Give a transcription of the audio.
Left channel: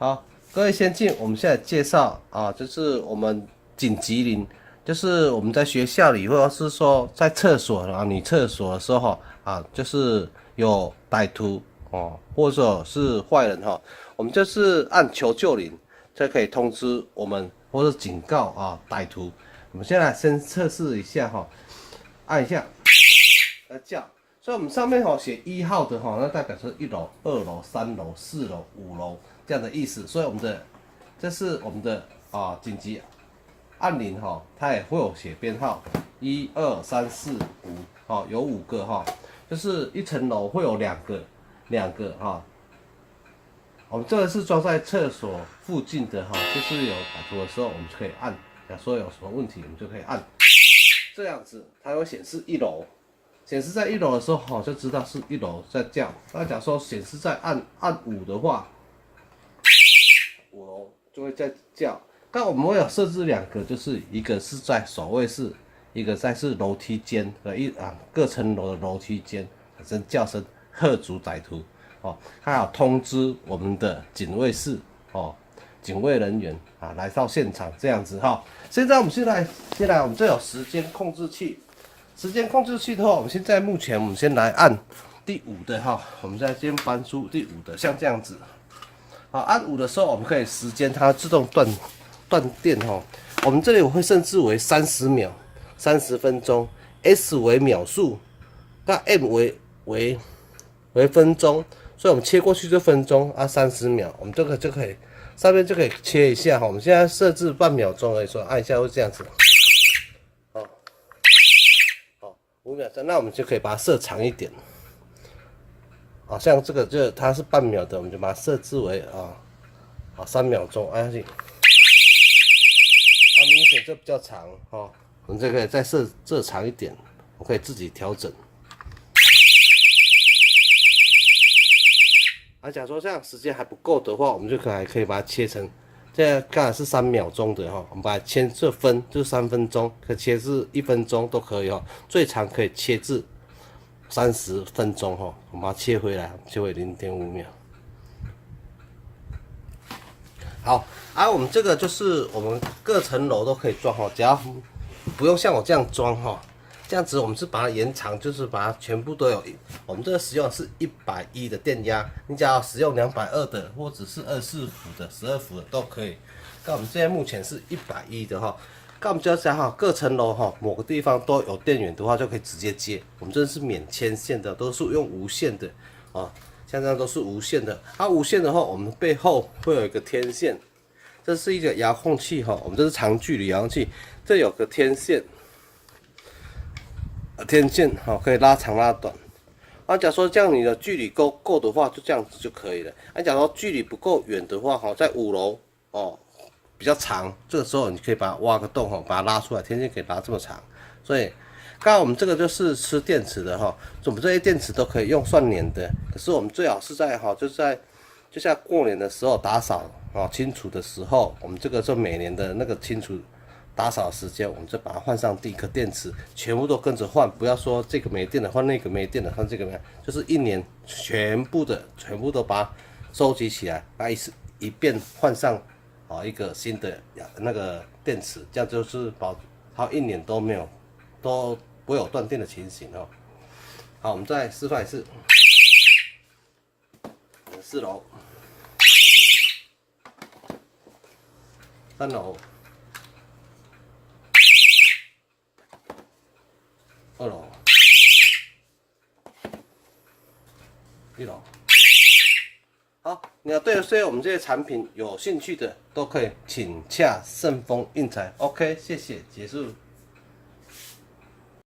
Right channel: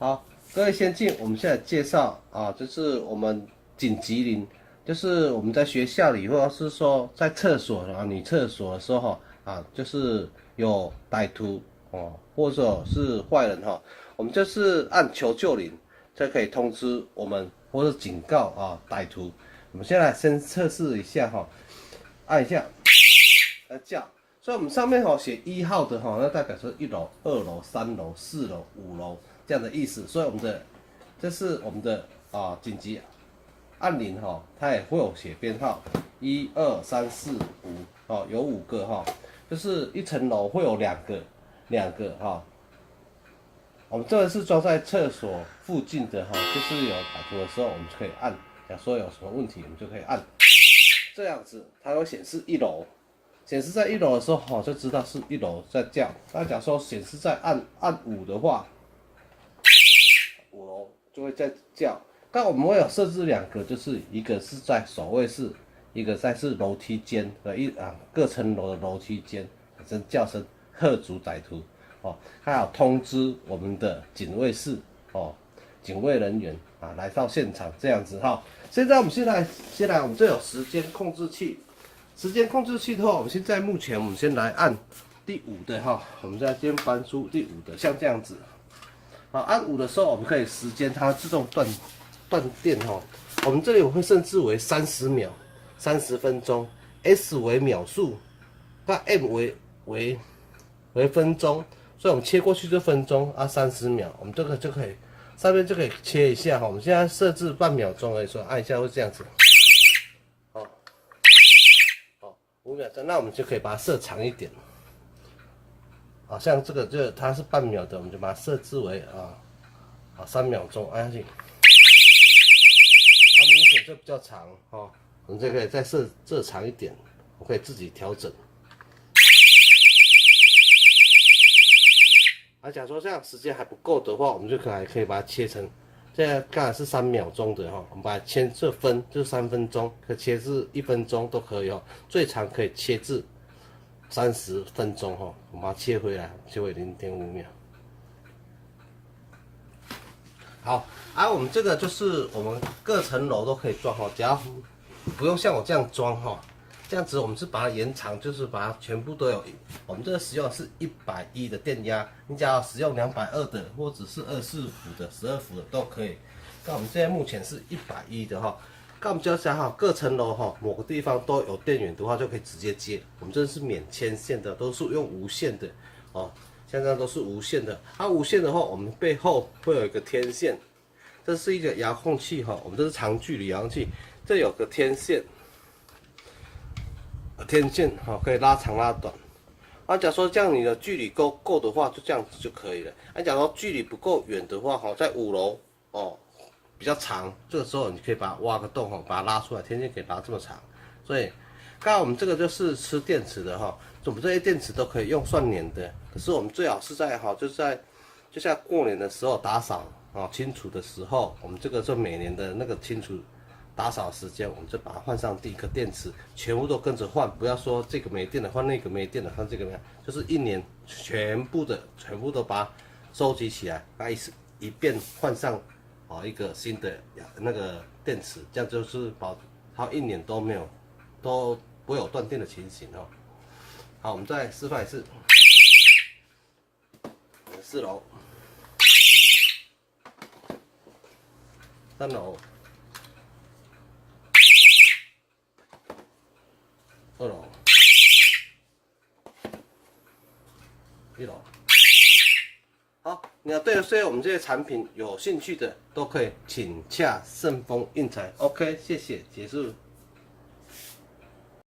好，各位先进，我们现在介绍啊，就是我们紧急铃，就是我们在学校里或者是说在厕所啊，女厕所的时候啊，就是有歹徒哦，或者是坏人哈，我们就是按求救铃，才可以通知我们或者警告啊歹徒。我们现在先测试一下哈，按一下，来叫。所以我们上面写1号的那代表是1楼、2楼、3楼、4楼、5楼这样的意思。所以我们的这是我们的紧急按铃它也会有写编号，1、2、3、4、5有5个就是一层楼会有两个我们这个是装在厕所附近的就是有歹徒的时候我们就可以按，假如说有什么问题我们就可以按，这样子它会显示1楼。显示在1楼的时候，就知道是1楼在叫。那假如说显示在按5的话，5楼就会在叫。但我们会有设置2个，就是一个是在守卫室，一个在是楼梯间的各层楼的楼梯间，声叫声喝阻歹徒还有通知我们的警卫室警卫人员来到现场这样子现在我们先来我们这有时间控制器。时间控制器的话，我们现在目前我们先来按第5的我们再先搬出第5的，像这样子。好，按5的时候，我们可以时间它自动断电我们这里我会设置为30秒、30分钟 ，S 为秒数，那 M 为分钟，所以我们切过去就分钟30秒，我们这个就可以上面就可以切一下我们现在设置半秒钟而已，所以按一下会这样子。5秒钟，那我们就可以把它设长一点。像这个它是半秒的，我们就把它设置为3秒钟，按下去。它明显就比较长我们这个再设长一点，我可以自己调整。假如说这样时间还不够的话，我们就可以把它切成。现在刚才是3秒钟的我们把它切这分就是3分钟，可以切至1分钟都可以最长可以切至30分钟我们把它切回来，切回0.5秒。好我们这个就是我们各层楼都可以装只要不用像我这样装这样子我们是把它延长，就是把它全部都有。我们这个使用的是110的电压，你只要使用220的，或者是24伏的、12伏的都可以。那我们现在目前是110的那我们就要讲各层楼某个地方都有电源的话，就可以直接接。我们这是免牵线的，都是用无线的像这样都是无线的。无线的话，我们背后会有一个天线，这是一个遥控器我们这是长距离遥控器，这有个天线。可以拉长拉短。假如说这样你的距离够的话，就这样子就可以了。假如说距离不够远的话在5楼比较长，这个时候你可以把它挖个洞把它拉出来，天线可以拉这么长。所以刚才我们这个就是吃电池的我们这些电池都可以用算年的，可是我们最好是在就像过年的时候打扫清除的时候，我们这个就每年的那个清除。打扫时间，我们就把它换上第一颗电池，全部都跟着换，不要说这个没电了换那个没电了换这个没，就是1年全部都把它收集起来，一遍换上一个新的那个电池，这样就是保它1年都不会有断电的情形好，我们再示范一次，4楼、3楼。2楼、1楼，好，你要对我们这些产品有兴趣的，都可以请洽盛丰印材。OK， 谢谢，结束。